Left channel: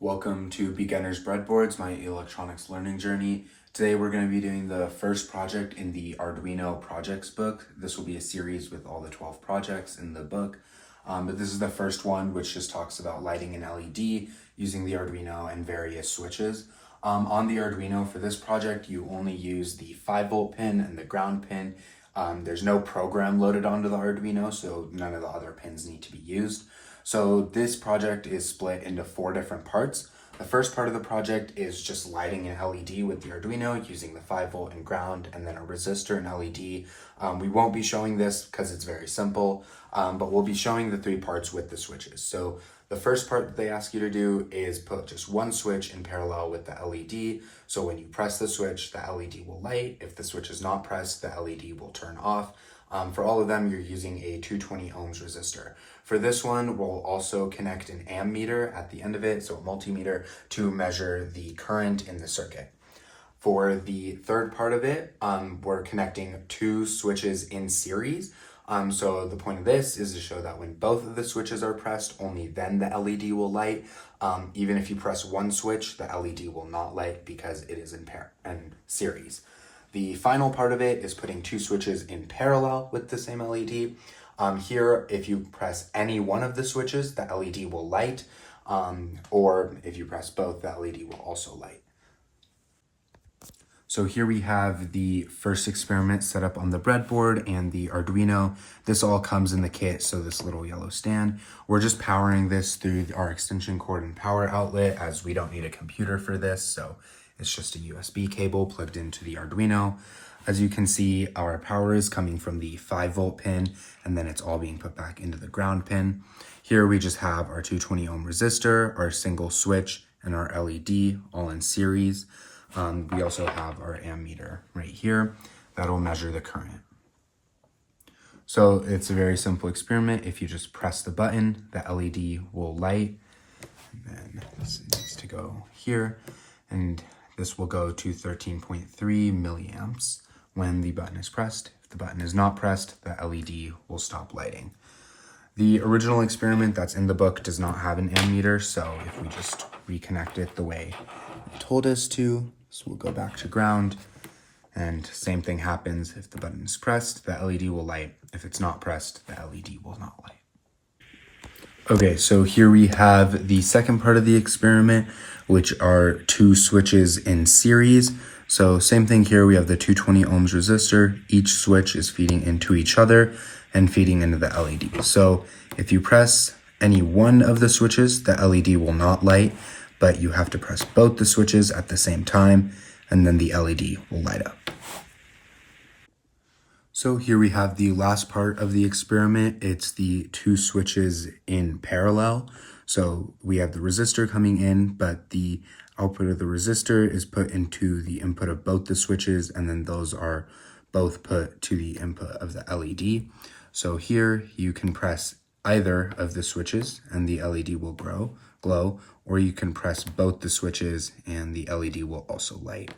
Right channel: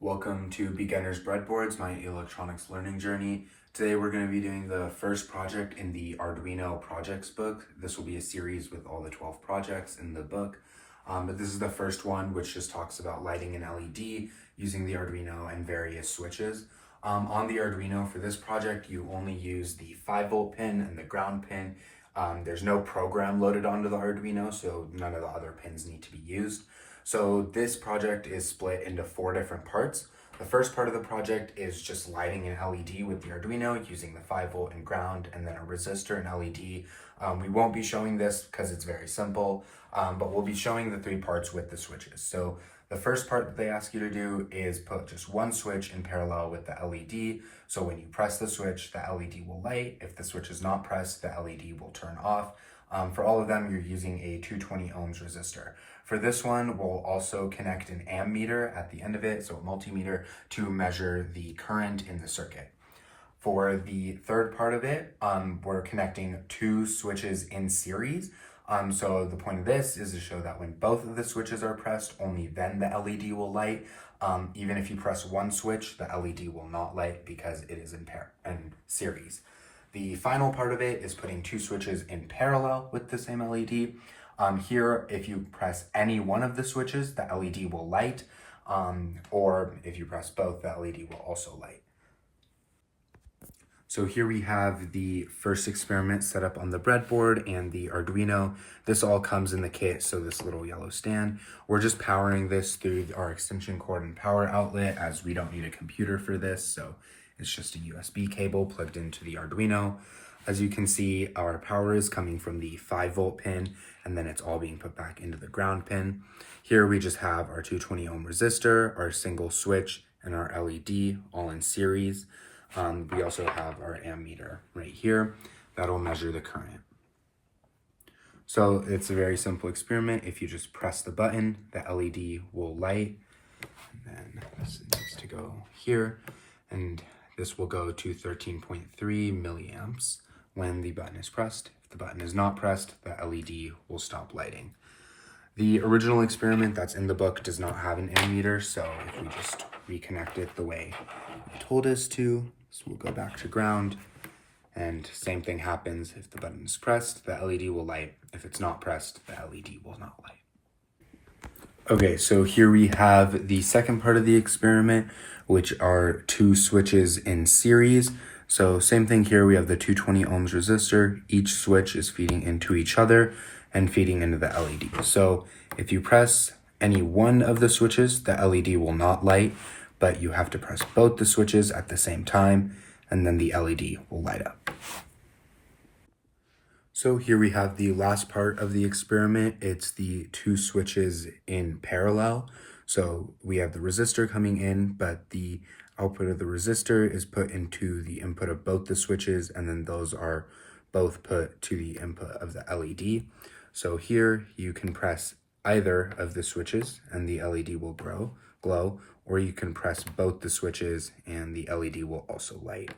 Welcome to Beginner's Breadboards, my electronics learning journey. Today we're going to be doing the first project in the Arduino Projects Book. This will be a series with all the 12 projects in the book. But this is the first one, which just talks about lighting an LED using the Arduino and various switches. On the Arduino for this project, you only use the 5-volt pin and the ground pin. There's no program loaded onto the Arduino, so none of the other pins need to be used. So this project is split into 4 different parts. The first part of the project is just lighting an LED with the Arduino using the 5-volt and ground and then a resistor and LED. We won't be showing this because it's very simple, but we'll be showing the 3 parts with the switches. So the first part that they ask you to do is put just one switch in parallel with the LED. So when you press the switch, the LED will light. If the switch is not pressed, the LED will turn off. For all of them, you're using a 220 ohms resistor. For this one, we'll also connect an ammeter at the end of it, so a multimeter, to measure the current in the circuit. For the third part of it, we're connecting 2 switches in series. So the point of this is to show that when both of the switches are pressed, only then the LED will light. Even if you press one switch, the LED will not light because it is in series. The final part of it is putting 2 switches in parallel with the same LED. Here, if you press any one of the switches, the LED will light, or if you press both, the LED will also light. So here we have the first experiment set up on the breadboard and the Arduino. This all comes in the kit, so this little yellow stand. We're just powering this through our extension cord and power outlet, as we don't need a computer for this, so it's just a USB cable plugged into the Arduino. As you can see, our power is coming from the 5-volt pin, and then it's all being put back into the ground pin. Here we just have our 220 ohm resistor, our single switch, and our LED all in series. We also have our ammeter right here that'll measure the current. So it's a very simple experiment. If you just press the button, the LED will light. And then this needs to go here, and this will go to 13.3 milliamps when the button is pressed. If the button is not pressed, the LED will stop lighting. The original experiment that's in the book does not have an ammeter, so if we just reconnect it the way it told us to, so we'll go back to ground, and same thing happens. If the button is pressed, the LED will light. If it's not pressed, the LED will not light. Okay, so here we have the second part of the experiment, which are 2 switches in series. So same thing here, we have the 220 ohms resistor. Each switch is feeding into each other and feeding into the LED. So if you press any one of the switches, the LED will not light, but you have to press both the switches at the same time, and then the LED will light up. So here we have the last part of the experiment. It's the 2 switches in parallel. So we have the resistor coming in, but the output of the resistor is put into the input of both the switches, and then those are both put to the input of the LED. So here you can press either of the switches and the LED will glow, or you can press both the switches and the LED will also light.